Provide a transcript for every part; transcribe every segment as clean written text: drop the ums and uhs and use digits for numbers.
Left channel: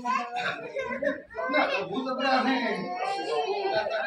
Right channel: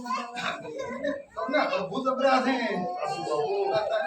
તમને પ્રભુ જબરા છે માતા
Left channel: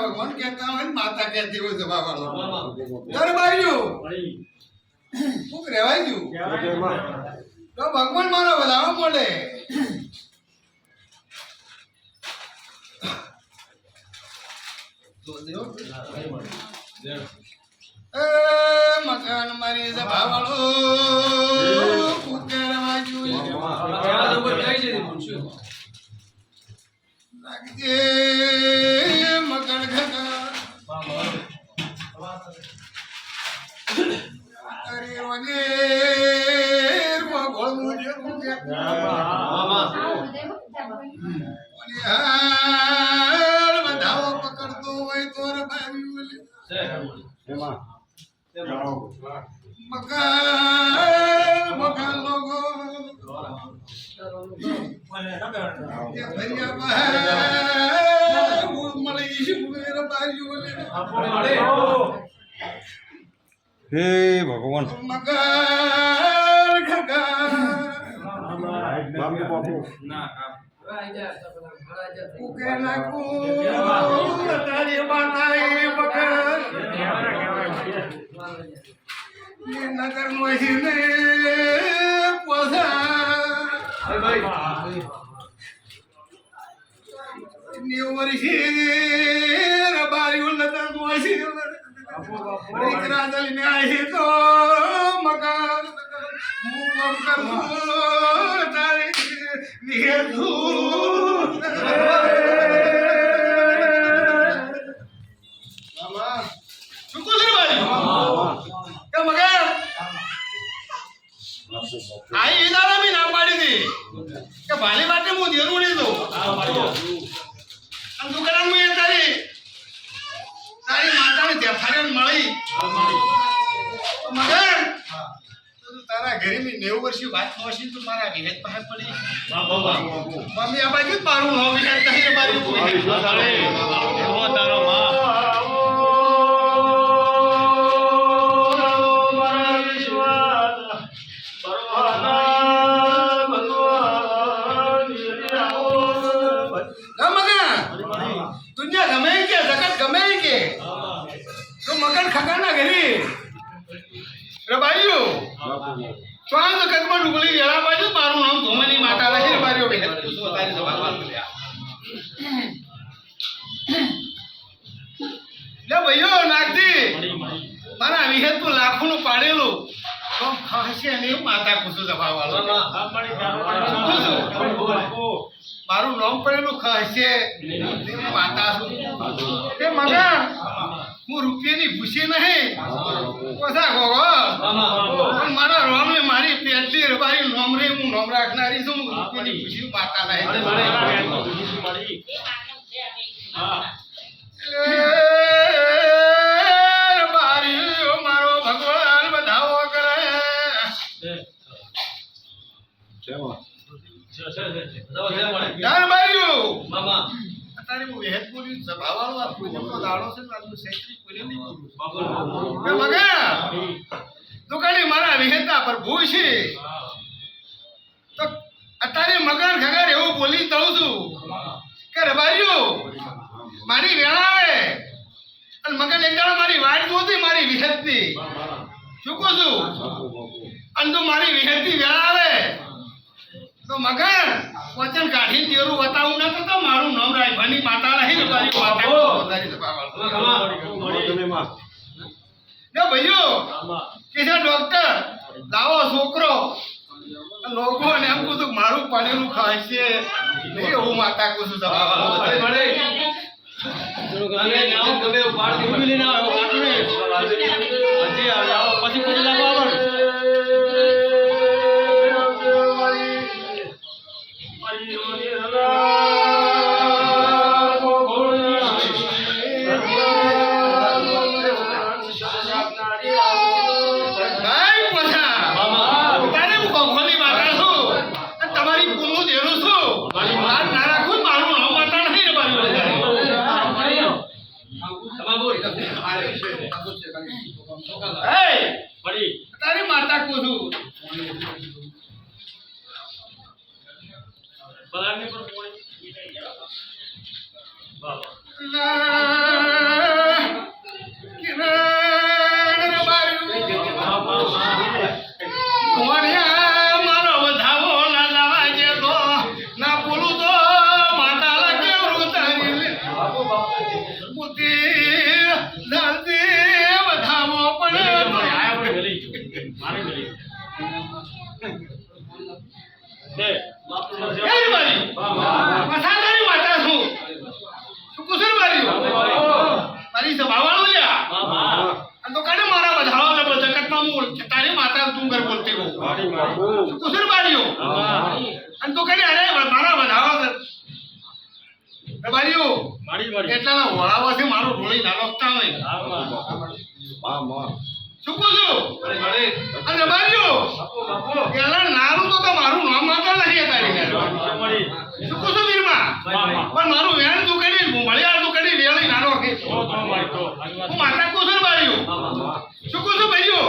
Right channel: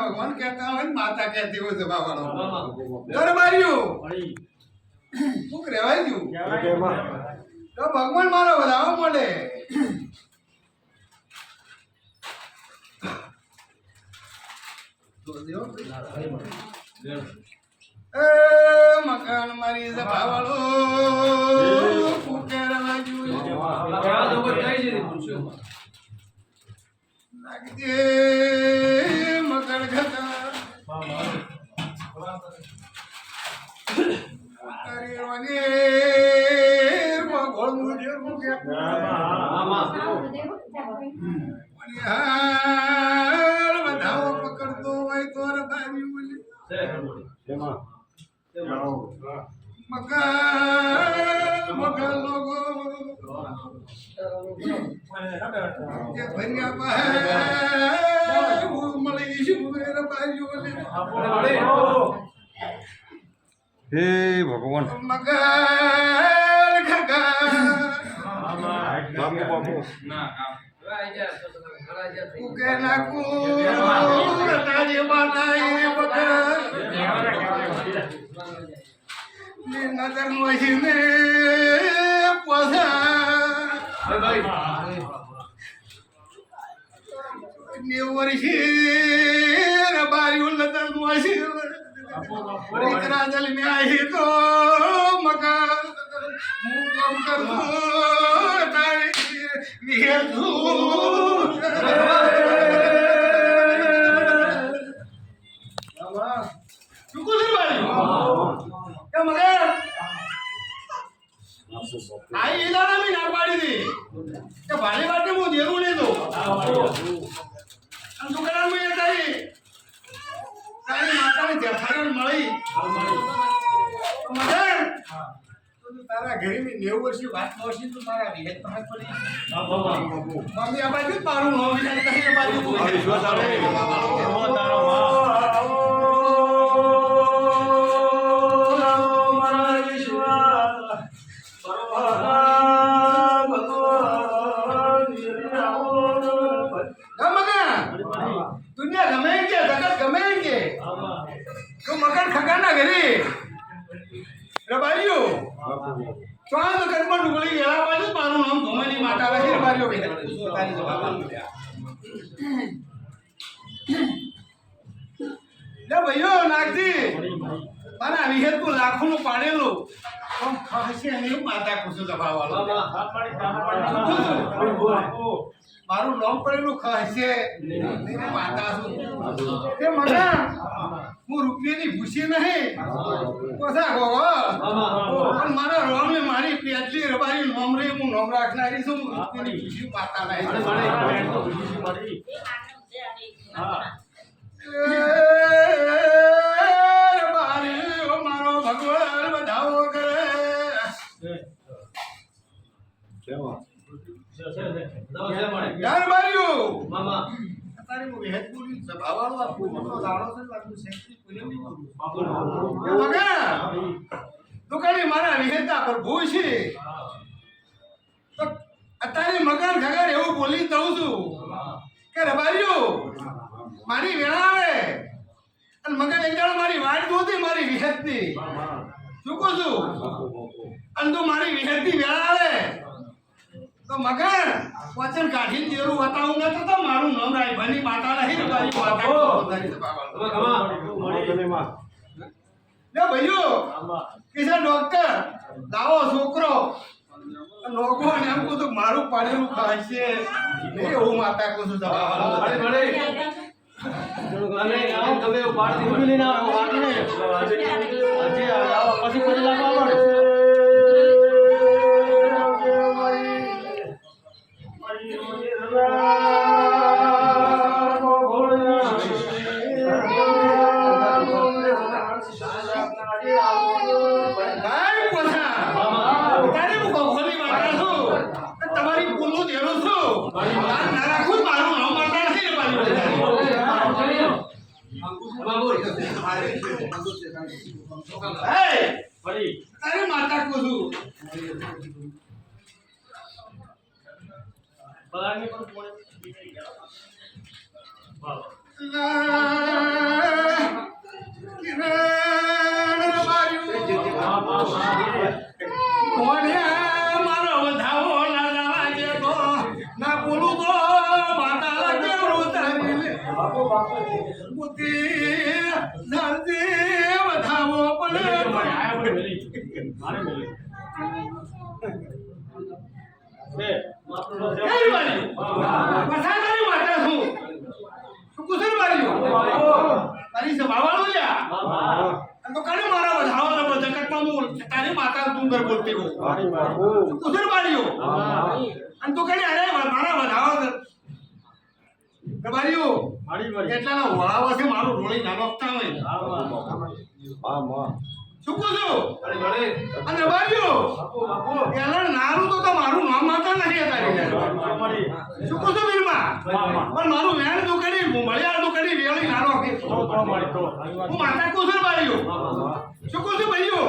भगवान कहता है माता कहती हो जवा वालो घर बारियो भूख रेवाय गयो तो भगवान मारो बताओ बोले ए मकान मारी जवा वालो भूख रेवाय गयो लागजे मकर घटा अरे वाने वो गोल मुझे मुझे मामा वाने हाल बताओ पकड़ दो भाई तोर भाई बोले मां मकान लोगो ये भरिया वो मलेशिया मेरा भाई बोले हे भगवान मकान खगा बाबू बाबू उके ना को तारी बाताई मकान ये नगर महीने पोसा વર્ષે બારી ઉલ્લતા દુઆશી દીકરા દલ મે આહી તો મકાન હું કામ કરું તારી વિહેતું બાબા શું કુસર બારી કે મગર આઈ ઇદારા મી ના પાડી દી કે ભાલી વાતે હું દેરું નહીં દઉં અને દુકાન માં તારી માતાને દેખાડ્યો મળી મગર તો તારા ઘરે મી 90 વર્ષની વાત નોશી તો મારા વિહેત પાસે પડી મમ્મી આ બાજુ મારું નો વિહેત કહી બાજુ તારો માં ખગાના ઘરે રબાઈઓ ચાંદ કદમાં ડુગળી વેળા બાજુ મારું નામ ધોમની માતા રહી રબાઈઓ બે પૂછો તારી જવાબ લે ભાઈઓ નાગજી મારા વિહેત તું લાખો નું પાડેલું તો ખાશે ને માતા પૂછો જવાબ વાળો મારું નામ પડેલું ખાશે માતા છું તે મગા હું રૂપિયાની ભૂસી નહીં ઓછા ગોગો પણ મારા રોમને મારી પેટલી રબારી નોમ રે હું નોમ રાખનારી છું રૂપિયાની ભૂસી માતા નહીં રબારી મારો ભગવાન બધાઓ કરે તારે હું વેહત બોલી સભાવાળો આ પૂજ્યનો દાડો છે લાગુ સેન્ટ્રી પૂજ્ય નહીં બોલું કે મગા દુકાની મારા વિહેતા પર ભૂ છે તો અત્યારે મગન ખગર એવું બોલી દઉં છું કે રબારીઓ મારી વેળા આવે અને મગન એક દાડો મારી વાટ જોતી મારી વિહેતની શું કહું છું અને તું મારી વિહેતની વેળા આવે તો મગન વચન કાઢી તેરું બતાવું ન તો મારું નામ રાયભાની માતા નહીં રબારી માતા તારી સભાવાળો ને ભાઈઓ કે છે ડોક્ટર લાવો છોકરો લોકો ને એમ કહું તો મારું પાડેલું ખાય છે નહીં એવું માતા કહું છું સભાવાળો પછી લાગો તારી માતા કહું છું બલાને પર પોણી બાબા કિરણ રબાયું મારો વધાવો ના લાવાજે તો ના બોલું તો માતા લાગે વૃતારી બાપો બાપો બુદ્ધિ દાદી વધાવો પણ આયા પણ ગલી મારે ગલી છે કઈ બારી પસાદારી માતા છું શું કુસર બારી મારી સભાવાળો લ્યા અને તો કાને મારા વધાવો ને જગતમાં હું તારી માતા તું ઘર બોલતી હો શું કુસર બારીઓ અને તો કાને અરે મારા વધાવો રબારીઓ એટલા વળાવા છે મારું રોળી નાનોકતા હોય શું કહું છું અને રબારીઓ એલા નાનું તો મારું નામ માતા નહીં તારી શું કહું છું વીરમાં પણ મારું વેણ દુકાની મળ્યા દુકાની વેળી નાનો હું માતા કહું છું રબારીઓ શું કહું છું ભાઈઓ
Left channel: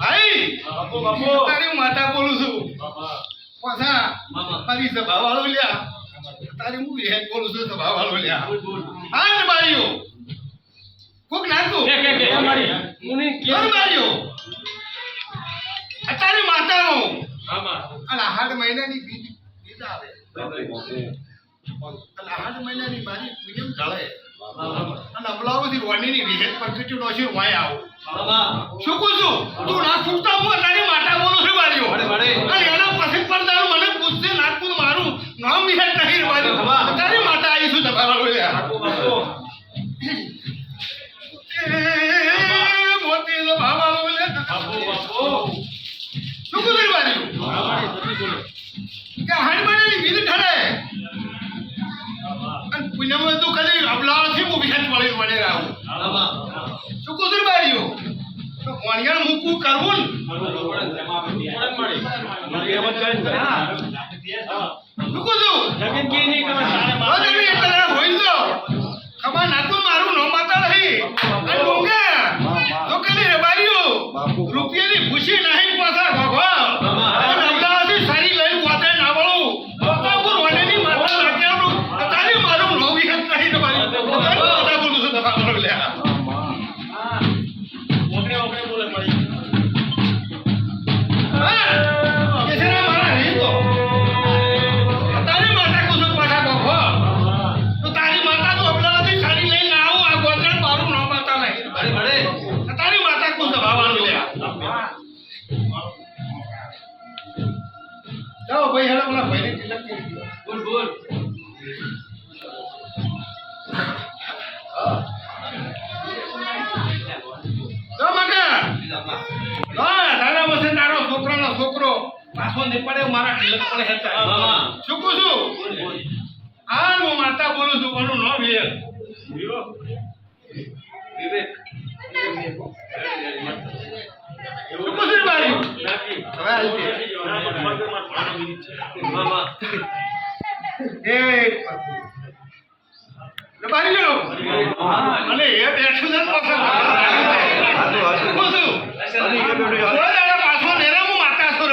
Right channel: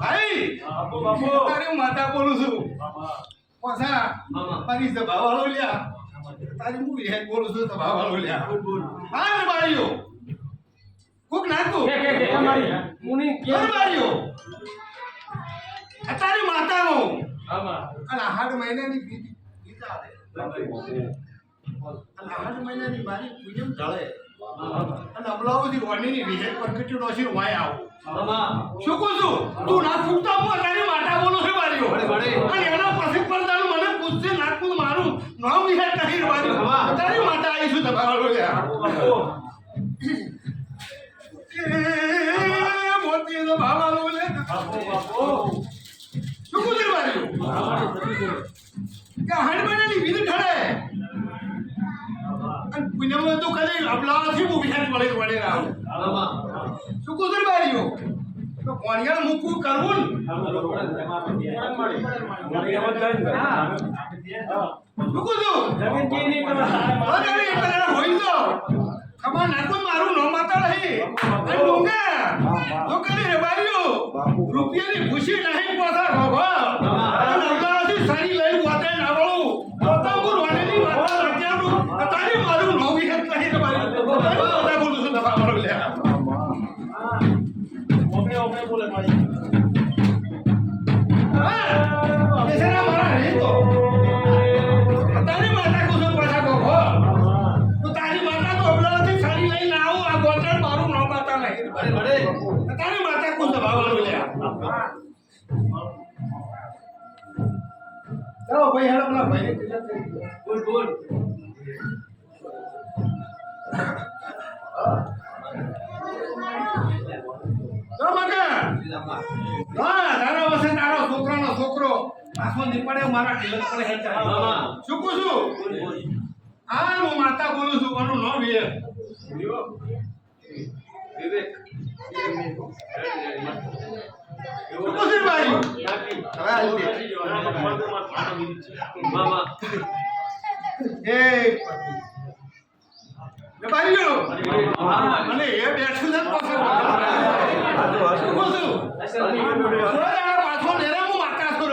ભાઈ તારી હું માતા બોલું છું પાછા મારી સભાવાળો લ્યા તારી હું વિહેત બોલું છું સભાવાળો લ્યા હા ને ભાઈઓ કોક નાખું અત્યારે માતાનો અને 8 મહિનાની બીજી બીજા આવે અને આઠ મહિનાની મારી પૂનમ ઢળે અને અમલાઓથી રોણીની વિહેત પર કચ્યું નોશી વાય આવો શું કહું છું તું ના ફૂટતા હું તારી માતા બોલું છે માર્યો અને એના પછી પડદાનું મને પૂછશે નાખું મારું નામ વિહેત નહીં માર્યો તારી માતા આવીશું દબાવાળો મોતી દબાવાળો શું કહું માર્યું કે હાડબાની વિધ ઠરે અને પુણ્યમાં તો કદી અબલાથી હું વિહેત મળી વડે આવું શું કહું માર્યો તો કોણિયાળ મૂકવું કરવું ખમા નાખો મારું નો માતા નહીં અને ડુંગા તો કદી રે બારીઓ રૂપિયાની ખુશી નહીં પાછા ભગવાન અને અબલાથી સારી લઈને વાતે ના વળું પોતાપુર વાનેની માતા લાગ્યાનું તારી મારું નો વિહેત નહીં તમારી પોતાની માતા બોલું છું દફા મારો લ્યા તારી માતા કુલ દબાવવાનું લ્યા જાઓ ભાઈ હેલો પેલા ભાઈને તિલક કરી દો બોલ બોલ જો મગા તારા વસે તારો છોકરાનો છોકરો પાછો નહીં પડે મારા તિલક પડે હેતા શું કહું છું આ હું માતા બોલું છું કોનું નો વિવેક વિવેક અને એ બેઠું છે પાછો નેરા માતા છો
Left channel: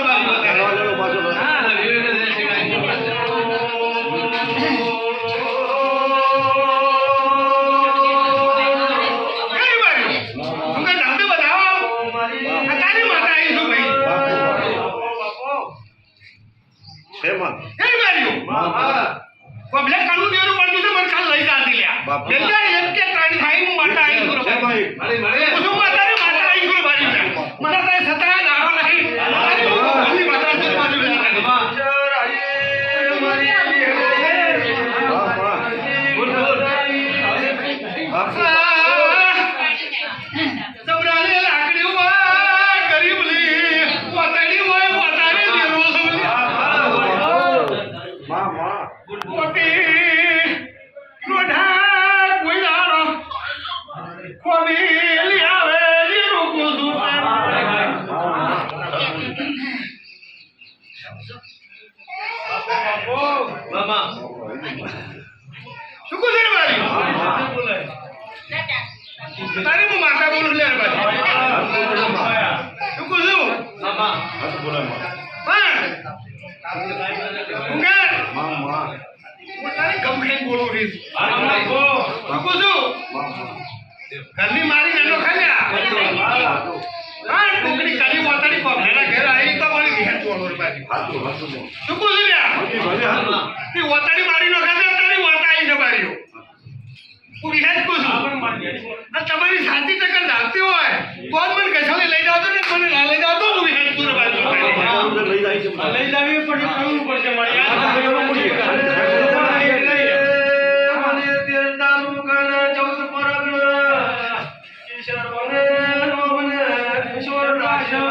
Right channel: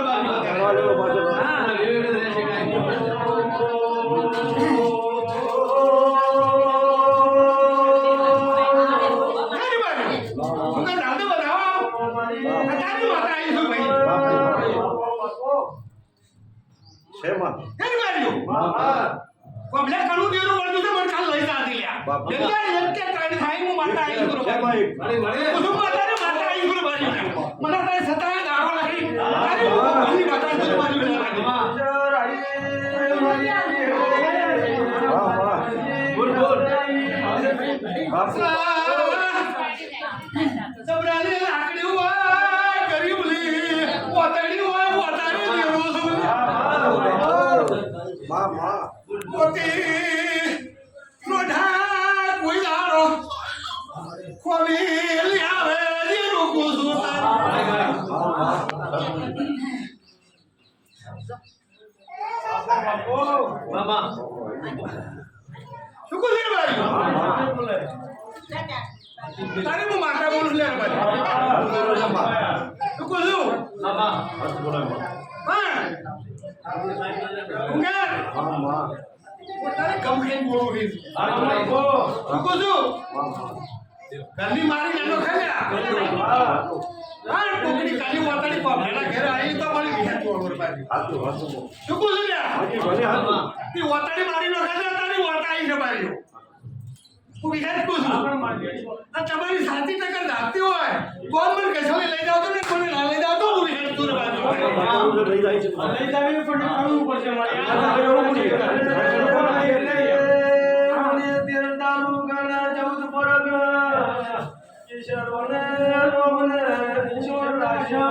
તારી હું માતા બોલું લે શું કહું છું તારી ગમ ખાઈને બોલું રહીશ શું કહું છું ઘરની મારી નાનો ખાલ્યા કોકડી કાઢી વાતાડી પગના ઘેર આવી તો મારી વિહેત બોલું બાજુ શું કહું છું તે વાતાડી મારી નો ખાધા તારી વાતા આવી છે બારીઓ હું વિહેત કહું છું તમારી સાચી ટક્કર ધાકતી હોય કોણ મને કશાને લઈ જાવ તો ને મને ના લઈ જાવ તો હું વિહેત તું બાજુ લઈ જાવી પણ કરવું પડશે મારે મને તેરડાનું ગણ 14 પરગ કિશોર બને નો બને કિશોર રાશો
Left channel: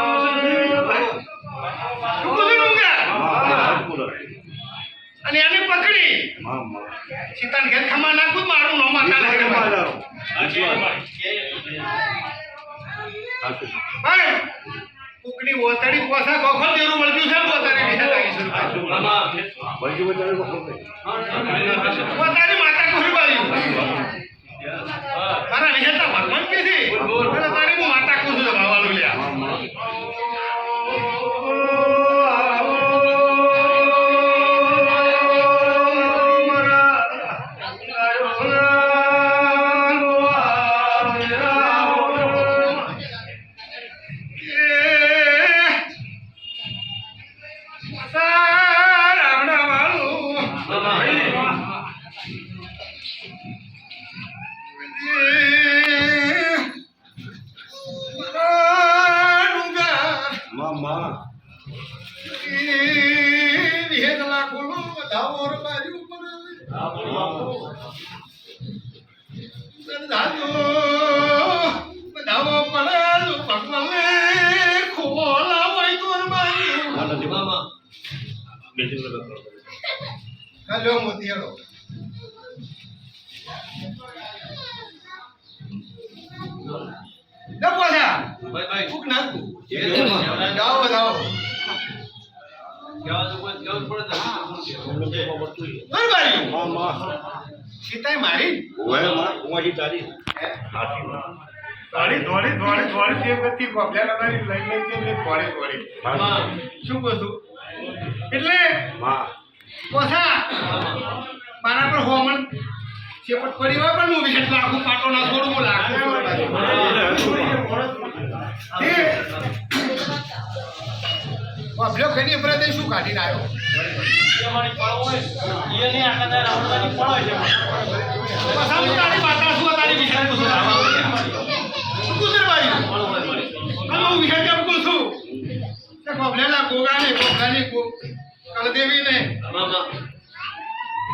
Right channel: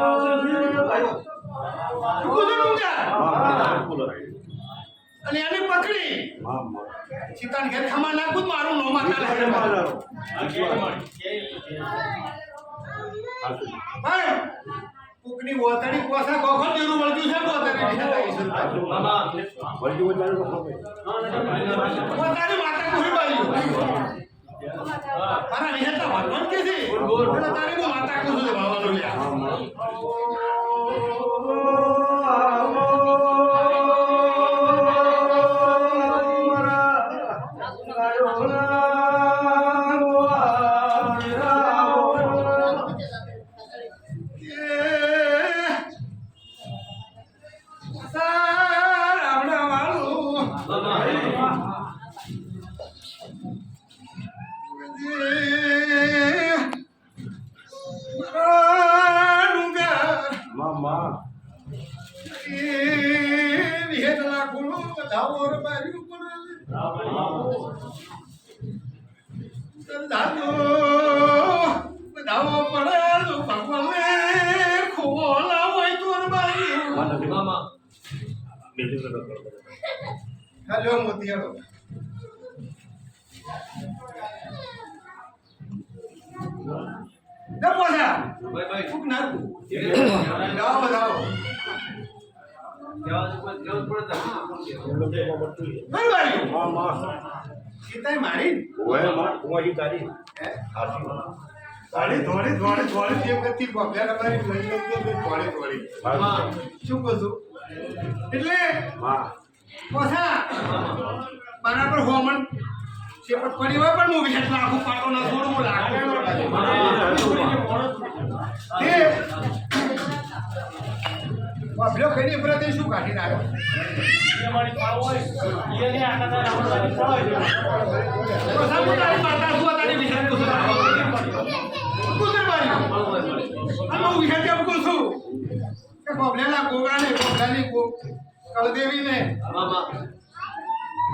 અને એને પકડી સીતાન ઘેર ખમા નાખું મારું નો માતા લાગે ભાઈ કુકડી ઓતડી પોસા ગોખો દેરું મળ્યું છે પોતાની વિશે લાગી પોતાની માતા કોઈ બાયું મારા વિહેતા ભગવાન કે છે અને તારી હું માતા કહું છું ભાવાલું લ્યા રાવણા માતા ખોલો વધાવો રબારી વધાવો પડે ભગવાનને ખોલા હોય તો રબારી હેલો મોતી હેલો પોસા ફૂક નાખું જાઓ વધાવો સીતાઈ મારી કુંવાજી તારી થોડી તે બધી કોપલા લઈ લઈ એટલે થોડી શું કહું છું એટલે પોસા મારા પર હોમણ ચેપટ પડી હોય પણ હું 20 લાખ પાટો ના છોડું હું લાખ બાબલો કઈ પ્રતે શું કાઢીને આવ્યો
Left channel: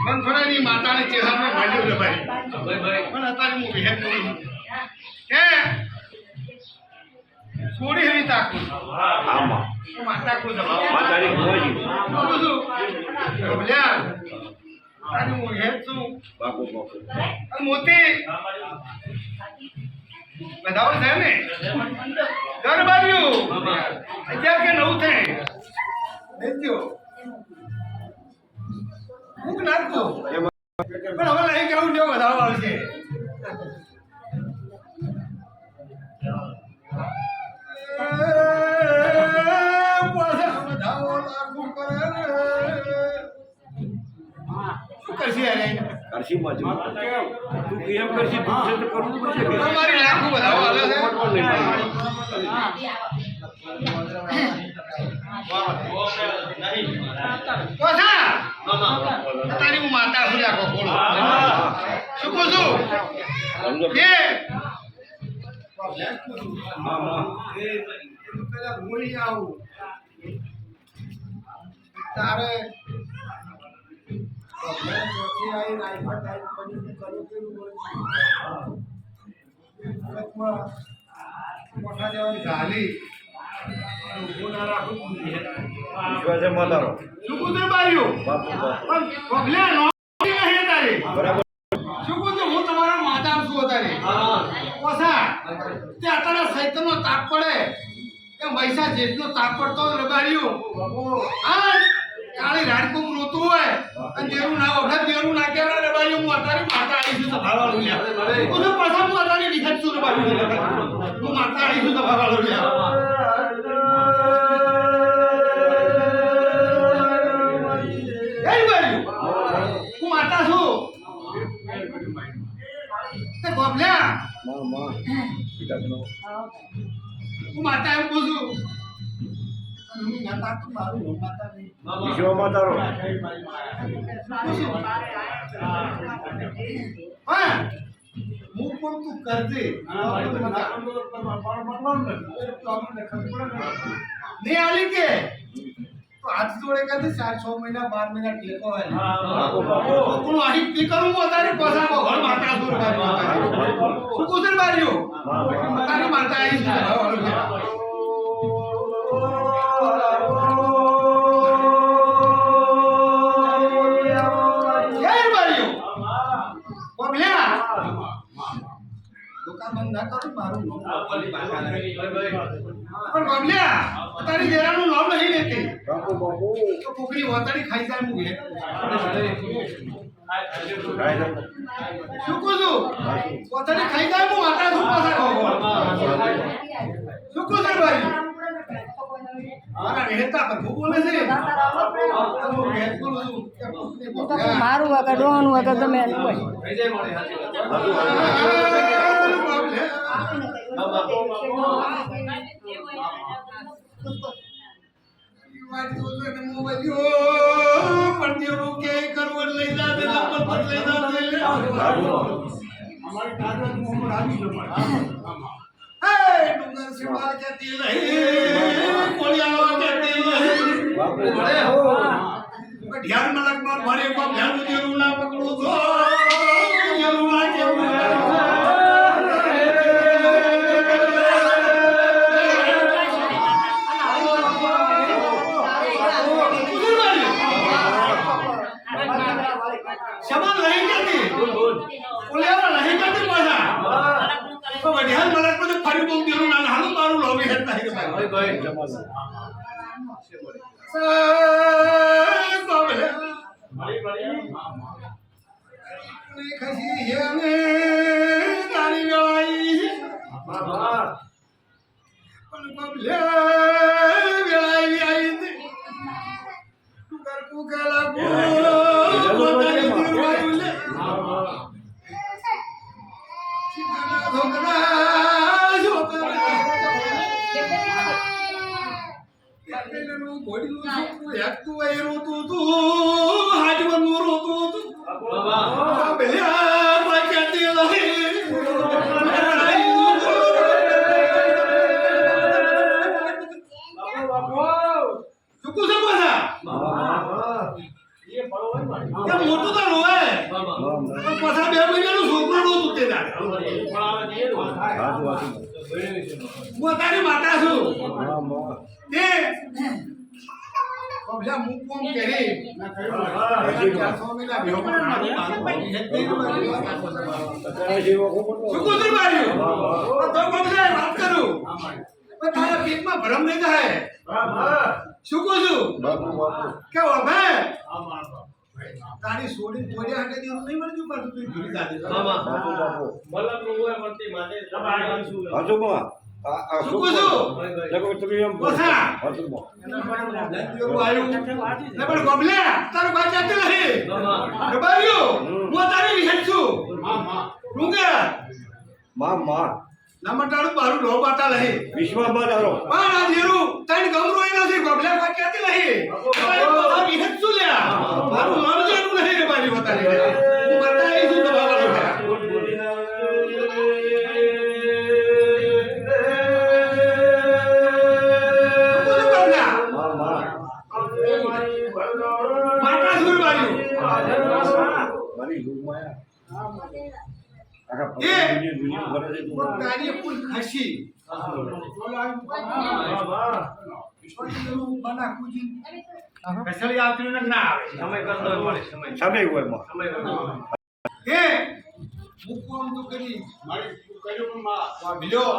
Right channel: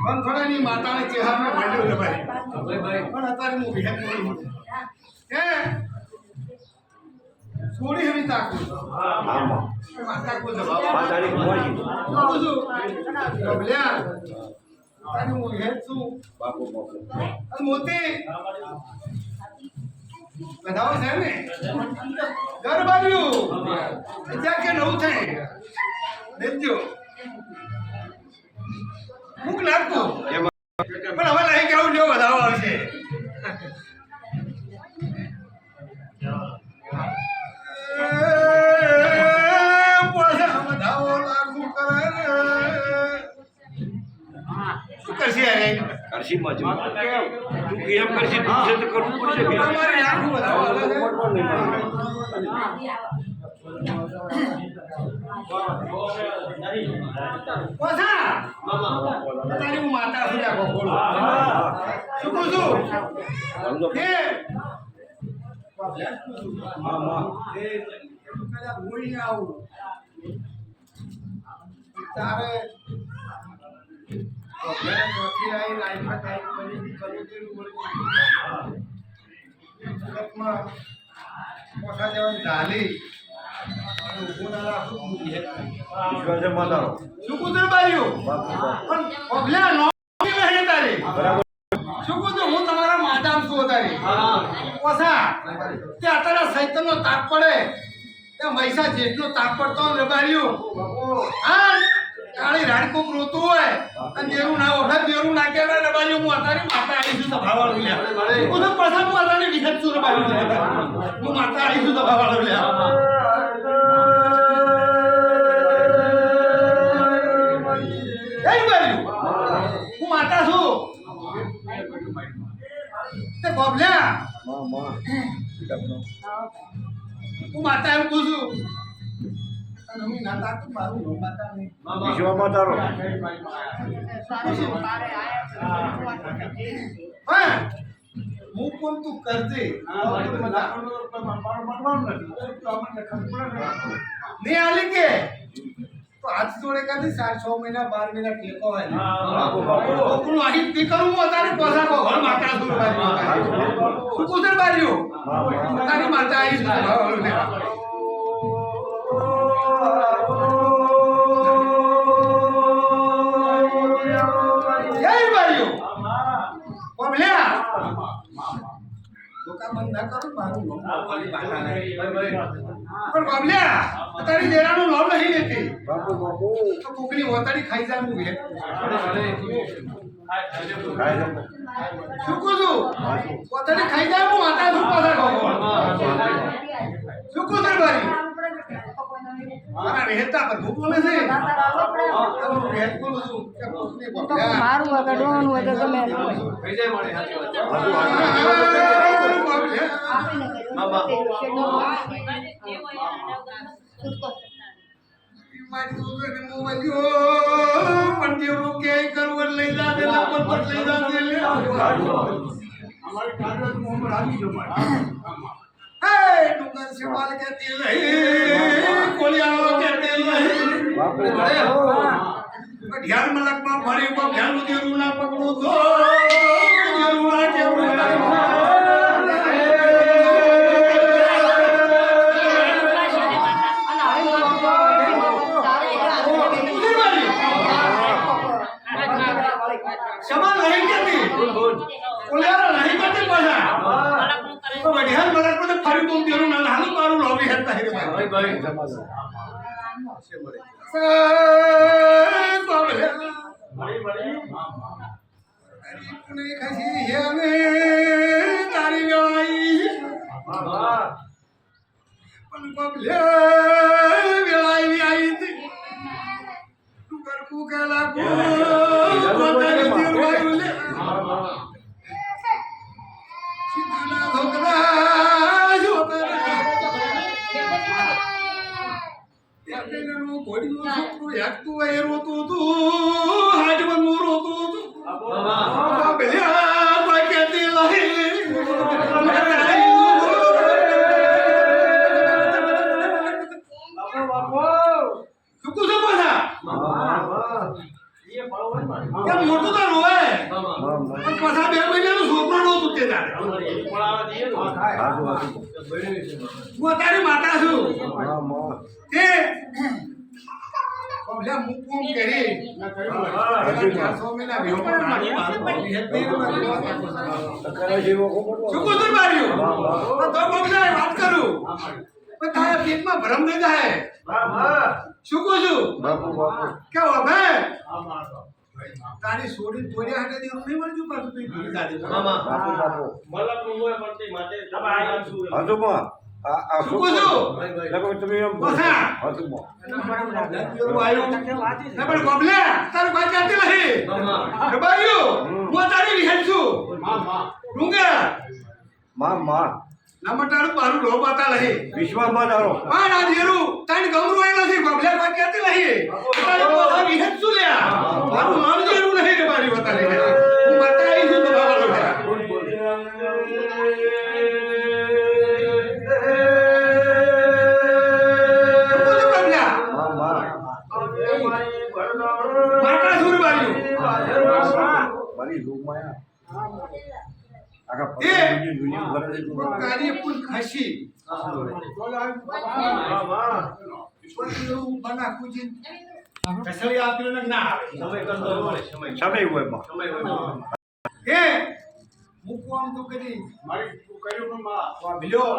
મનફળાની માતાને ચેહરામાં મળ્યો રે ભાઈ પણ અત્યારે હું વિહેત કરું છું કે છોડી હરી તાકું માતા કો જવાબ તારી કુંવાજી બોલ્યા તારે હું વિહેત છું બાપુ અને મોતી બધાઓ છે ને ઘર બાર્યું અત્યારે કે નવું છે દેજો ભૂખ નાખું પણ હવે નહીં કેવું જો વધારો આવશે વધાવો લાગુ કરે શું કરશે કરશી માં તું કેમ કરશી તું છે તો કરવું પડશે કે અમારી લાખું વધાવો હાલે છે પોસા તારી હું માતા છું લાગો બોલો શું કહું છું કે તારે પોસા જવાની ઝાલી વિશ્વાસે માતારો શું કુતર બાર્યું પણ પગલા નો નહીં તારે શું કુતર હું તમારા માતામ છું તારે પોસા તે અત્યારે સૈતનનો તાપ પડે એ મૈસા જેટલો તાપ પડતો રબાર્યું હા કાળી રાડકોક રોતું હોય અને જેરું ના વખત જેરું ના કેવા રબાર્યું હું અત્યારે માતા આવીશું સભાવાળું લ્યા હું તો પછા હું અત્યારે વિખત છું રબાર્યું હું માતા આવીશું સભાવાળું લ્યા હું માતા છું તે ગોબલ્યા હું માતા એમ પૂછું તમે ના તાક મારું નો માતા નહીં વિશ્વ માતારો હા હું કોણ તું કરજે નહીં આલી કે તો હાથ જોડે કાથી 6 મહિના 12 મહિના ટેકો હોય કોકનું આહી પી કરું હું અત્યારે પોસા ઘર માતા સુર શું કુસર બાર્યો તારી માતા આવી છે જય બાર્યો બોલ્યા દુકાન બંધ ના કરું મારું નામ બોલી બાટા નહીં પણ બોલ્યા તારી દેરાનું નામ નહીં લેતી બાપુ બાપુ તો કોકની વતાડી ખાઈ જાય હું હે શું કહું છું વતાડી ખાઈ જાય હું આટા શું પાછા કહો શું કહું છું ભાઈ મારા રહેતા પર ભૂખ બોલે છે હું હેત બોલું છું કે કોકની બોલ્યા મારું વગર ડોન વગર તમે થઈ જાય મારે ડુંગર से माल कहती नहीं कोलियाओ कहते नहीं ઢ્યાન મલકમાં ફરે કો ભેણું દેરું ના પકડું તો દેરું ના કેવું સમાન નહીં કેતી ઓલેરા નહીં કેતી પાછા તો ઢ્યાન મલકમાં ફરી બોમ દેરું ના હાલું મારું લોબી હેતા હે ભાઈ ભાઈ મોટું તો રોવે પણ પાછા 2 મહિનાનું છોકરો નહોતું તે દાડે હું તારી માતા છું તે ઓલા મુકુમ કરી ના કર્યું 400 મહિના ભેગો નાનું મારું ભાઈ હે તે શું કુસર માર્યું તો બબલાય વાત કરું પણ તારા પેટમાં ભરમ નહીં થાય શું કહું છું કે હવે તારી સોડી તોડ્યા હાટે દેરું નહીં મળ્યું પણ તું ભૂલી જાજે મલક નું હોય મળતી માટે તમારે નામ શું હજુમાં આ શું કહું છું લગો તમે એમ બસા હજુમાં એના મને દેરું આવ્યું ને પણ ગોબલા તારું ભાઈ જાતે નહીં રબારીઓ હું તારી વિહેડ છું રૂંગા માં નમટાડું બારું લો બાતા લહી વિશ્વાસમાં ડારો પણ આ દેરું તણ ગમરો એ નથી ગોબલે કોઈ કહેતી નહીં તારી પોતા વિહેડ છું લ્યા મારું નામ દેરું નહીં રે મારી બતા લે હું બતાઈ છું તો બાબા લો માતા સુર બાજુ મારી રૂમાયા કાર્ય ફૂલ ખસી બના કુજી કસળી આપીને ના આવે સમય કરતો સમય હોય એ મુકુ આમ તો કરી મારી તું કર્યો પણ માં ભીલ્યો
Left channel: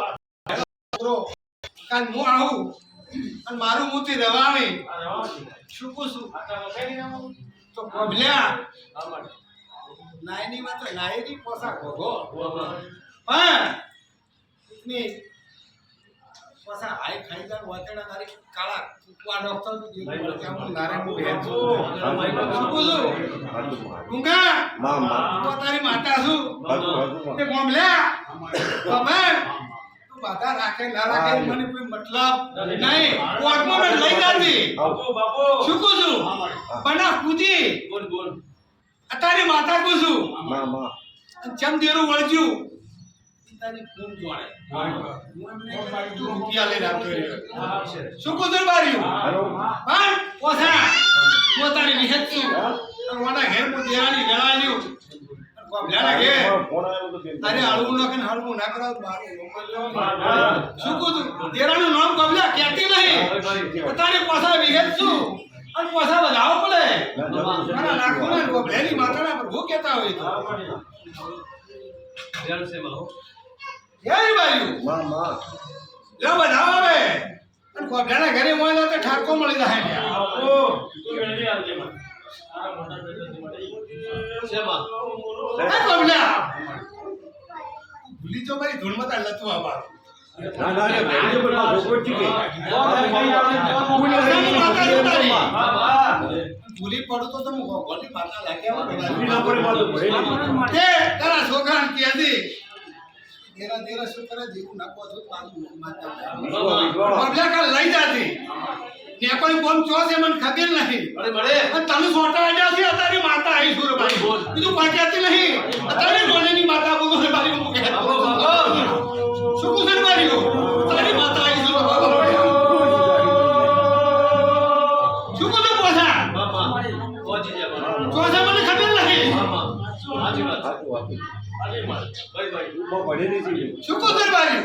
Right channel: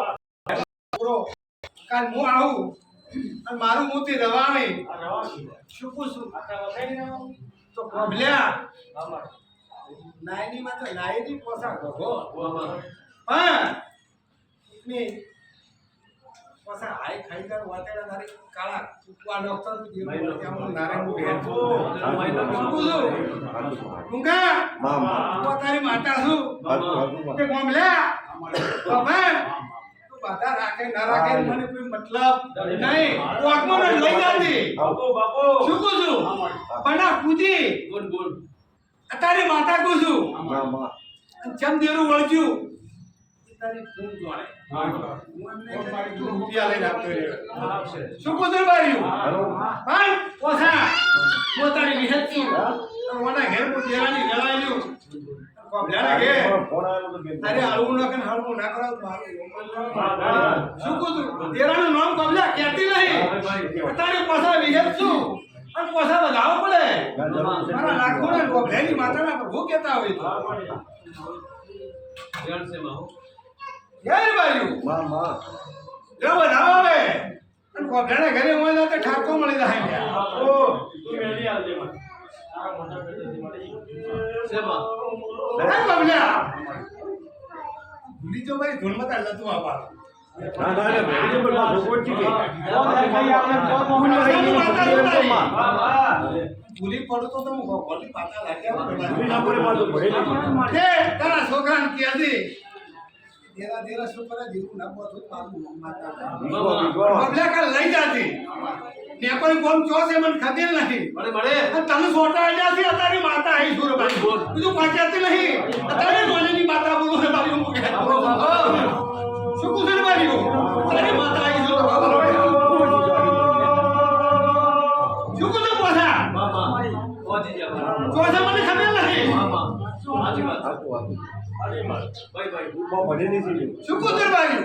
કાલ હું આવું અને મારું મોતી રવાની શું કુસું તો ભીલ્યા નાયની માં તો નાયની પોસા ગોગો હા ની પોસા હાઈ ખાઈદાર વાતેડા તારી કાળા કુકવા નોખતો તું જેવું ત્યાં નારાયણ નું ભેટ છું શું બોલું કુંકા હું તારી માતા છું તે ગોમલ્યા તમે તું બાધા રાખે ના રાખે મને કોઈ મતલબ નહીં કોકમાં લઈ જાતી બાપો શું કહું છું બના કૂદી બોલ તારી માતા કો છું ચમ દેરું વળજ્યું તારી ફોન જોડે હું એમને રૂપિયા લઈને આપતો રહ્યો શું કુદર બાર્યું પણ પોસા હું તારી નિહત છું વાના ઘેર મુ દેવાની ગળાલ્યું કોબલાના ઘેર અરે હળવું ન કે હળવું ના કરાવ મારું શું કુદર દેરાનું નામ કોબલા કહેતી નહીં તારી પોસા વિહેત છું અને પોસા બજાવો પડે મારા લાખો ને ગોભલેની માતાના પર હું કહેતા હોય તો જળ સે માં હો યાર બાયું લે બજાવો હવે અને ગોભલેના ઘરે મોય ના તો ઠાકો મળી જાય ને આપો તું મેળવી આવજે મને તારા મોટા બેટાથી મળી સે માં એ ગોભલા ભૂલી જો ભાઈ ધૂળમાં તા લતું આવા ભૂલી પડું તો તમે ગોલી પાતા લાગ્યા તારા છોકરાને કહેતી તેરા તેરા છોકરા જેવું નાખવા છો મારું માતા કાલ લઈ જાતી ને કોઈ બોમ ચોસે મને ખબર નહીં અને તમે છોટા આયા છે તારી માતા આવી સુર ભાઈ બીજું પાક્યાતી નહીં તારી નોની માતા બોલો રે મારી હું કહે શું કુસર માર્યો તારી માતા આવી સુર શું કુસર પોસા ચોથા મને ખબર નથી શું કુતર બાર્યું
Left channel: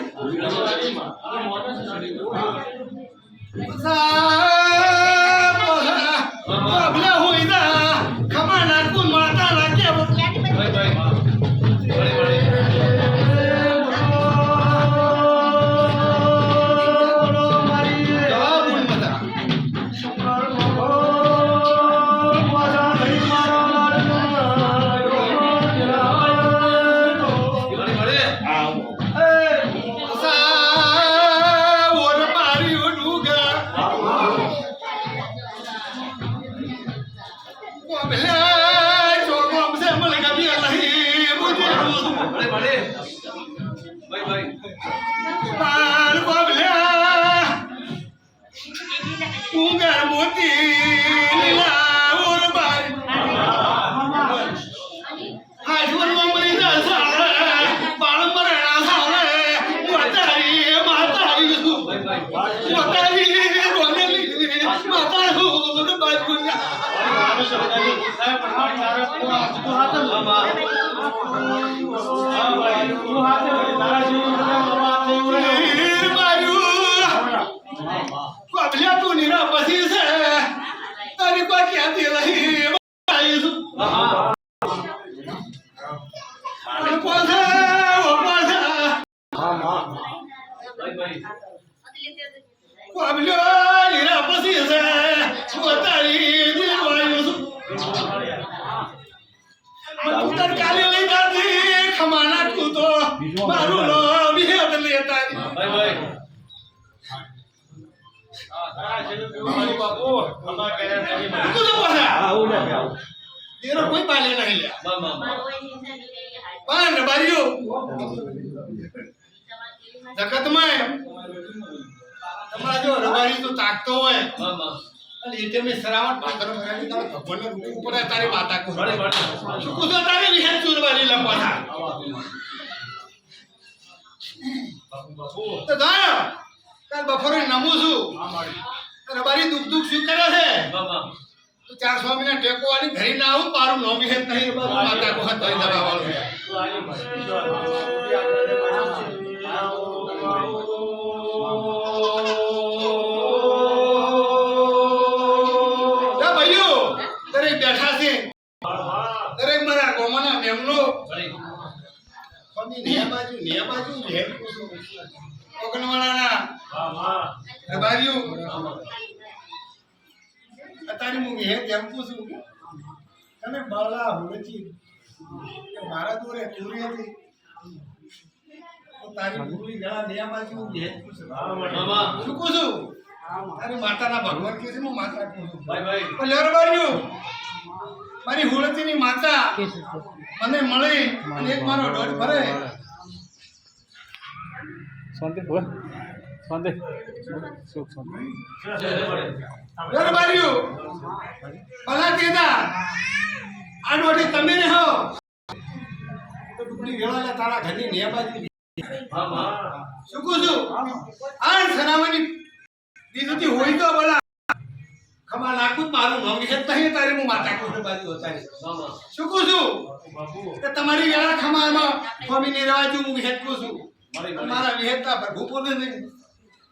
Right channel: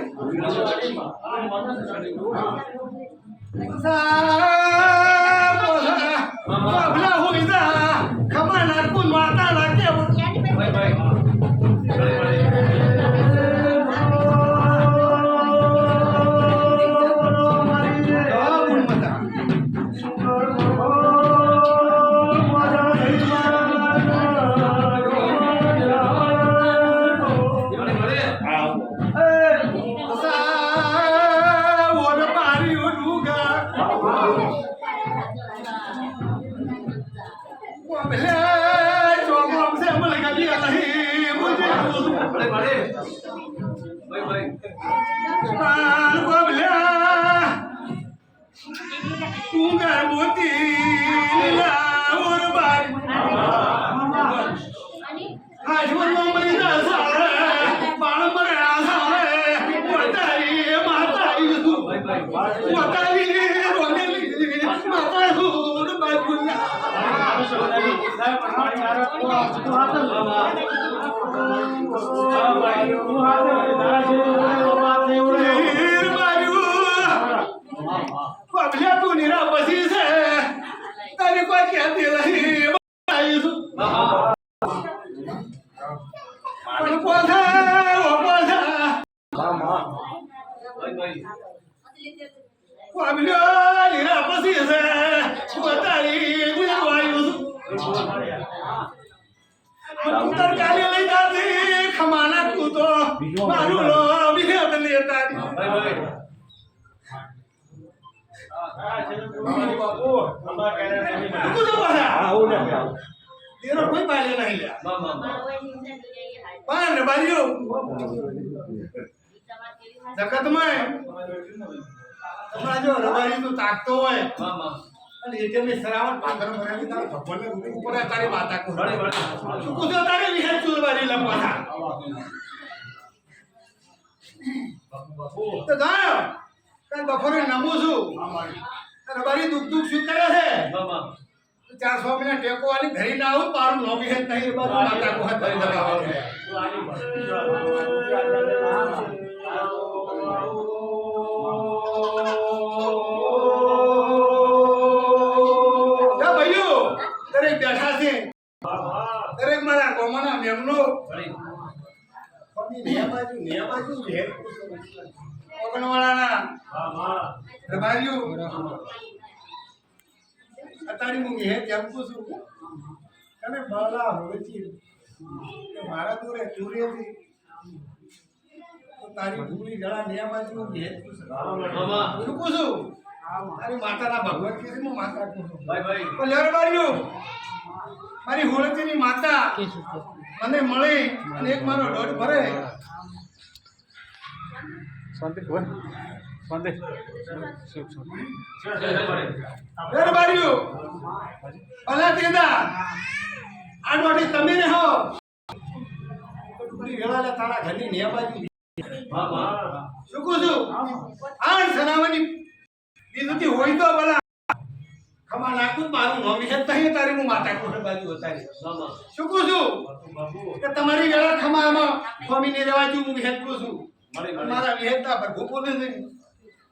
ભલા હોય ના ખમા નાખું માતા નાખે તું નીરા પછી છે તારી કોઈ ક્યાંથી રહી કાલે લઈ જાતી ખમાના તું તો મારું લો વિહેત લેતા કોઈ પાલે નહીં લ્યા પણ બારીઓ જગતમાં તમારા જો રબારી તો તાકતો હોય અને એ તેમને સરાવટ પાત્ર ભરાવી તારે ભગવાનને રૂપ ઉપર તારી માતા કો શું કુછો તારે વિહેત ચૂરવાલી લંબાતા તો ગાયો કાલ બપોરે નમું છું રબારી દુઃખ દુઃખ શું કરે છે તો 4 સ્વામીના ટેકો વાળી ઘરે ના આવું મારું નો વિહેત નહીં માતા કો હાથ ધરી દબાવવાનું દરેક બેઠા છે દરેક મારા ગોમાના મેમનો નિયા બાજુ ભેર ઓગણવાળાના રબારીઓ અત્યારે હું ભેર જેમ પૂછું તમે બાળા હોળચી કે મારા દોરે તુરી હતી તો તારી ભૂલી ગળા નિયા બાજુ ભેર પૂછું શું પૂછું તારી માતાના ભગવાન કે છે હું માતા કહું છું પણ રબારીઓ મારી હોળતીની માતા મને મળી અને એક મારો દોઢ ભરે શાંતિ બોલ શાંતિ સુખ શાંતિ રબારીઓ ભલા કેદા આ દોઢી તમે ને હો તો ટુકડી વેળા તારા ઘરની ને બાજુ શું કહું છું આ સનાવની બીજું હોય તો બોલા ખમા નાખું મારું નામ વિશે નહીં તારી હું માતા કોઠે બાજુ ઉતારી શું કહું છું કે તમારી વેળા ખમામાં સ્વામીની રવાજુ હું વિહેત કહું છું મારા વિહેતના પર ભૂપો નહીં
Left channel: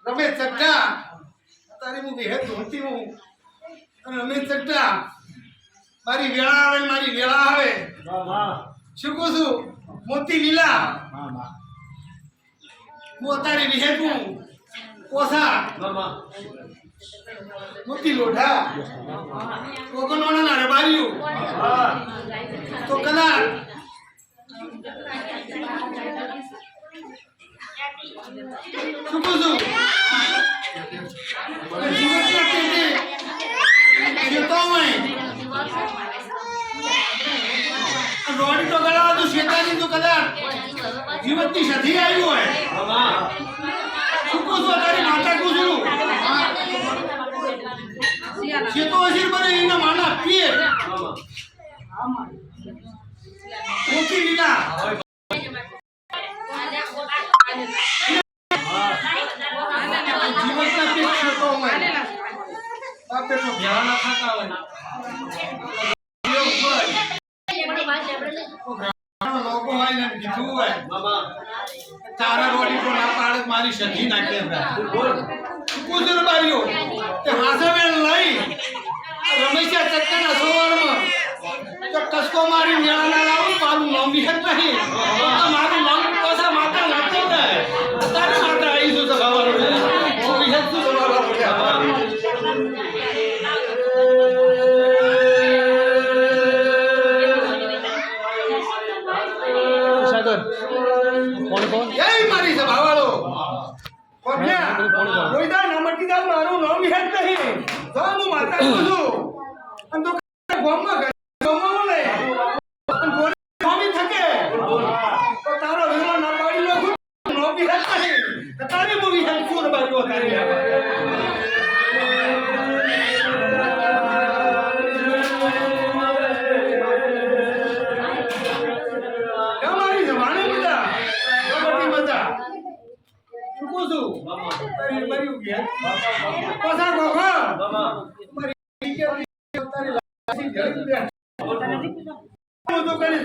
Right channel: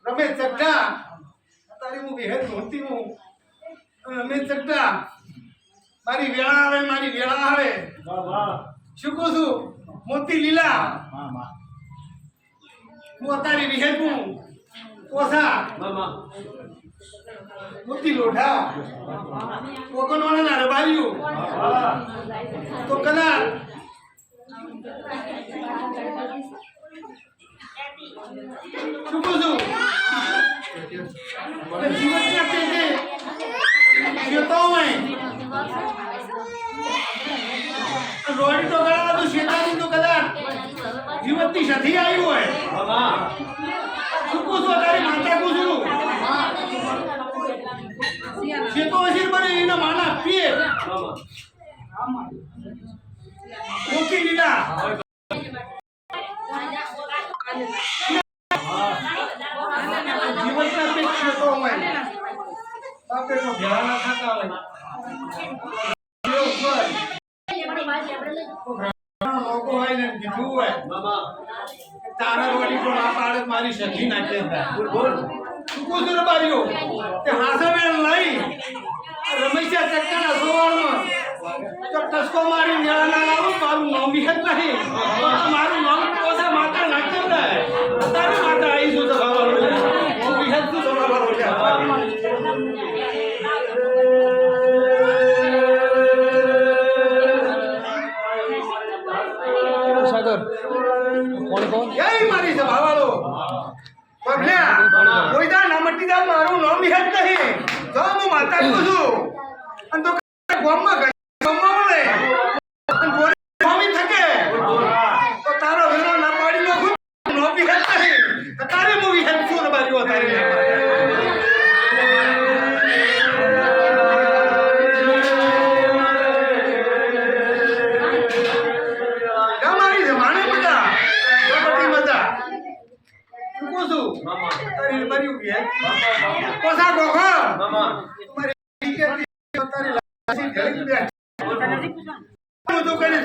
રમેશ ચટ્ટા તારી હું વિહેત ધોતી હું રમેશ ચટ્ટા મારી વેળા આવે મારી વેળા આવે શું કહું છું મોતી લીલા હું તારી વિહેત હું કોસા મોતી લોઢા કોકણવાળાના રબારીઓ તો કદાચ શું કહું છું જીવનના પેટે શેતો હોય રોડી તો ગળા તો શેતાની તો કદાચ જીવનની સધી આવ્યું હોય શું કહું છું તારી માતા કહું છું શેતો હસીર બને એના માના પીએ મોતી લીલા જીવનના પેટ શેતો હોય બાપે તો ભેળા ના થતા હોય તો ગ્રામનો લોકો હોય ને કીધું હોય તારા રોડી તો ના પાડે તો મારી સખી નાખે કુદર બારીઓ તે હાસવેલ લઈ રમેશા ચક્કાના સોવાળમાં તો ટસકો મારી મેળા ના લાવું મારું નામ વિહત નહીં તો મારું નામ કોસા માતા નાખતો થાય તારે માતા આવી છું સભાવાળો હું વિહત છું સભાવાળો સાગર કોણ જય મારી સભાવાળો પગલ્યા કોઈ દા ના મટી દા મારું નામ વિહત નહીં તો હું માતા કહું છું અને તો ગોમમાં ગોમમાં મળે અને ગોરી ગોમી થકે તો તારો વેરો ના પાડી નાખું નો વિહત નહીં તારે હું વિહત છું બાજુ તારી મારી જમાને બધા બધી બધા શું છું તારી મારી વિહત કોસા ગોગો મારી તારી લાસી જડી દે હું તો કરી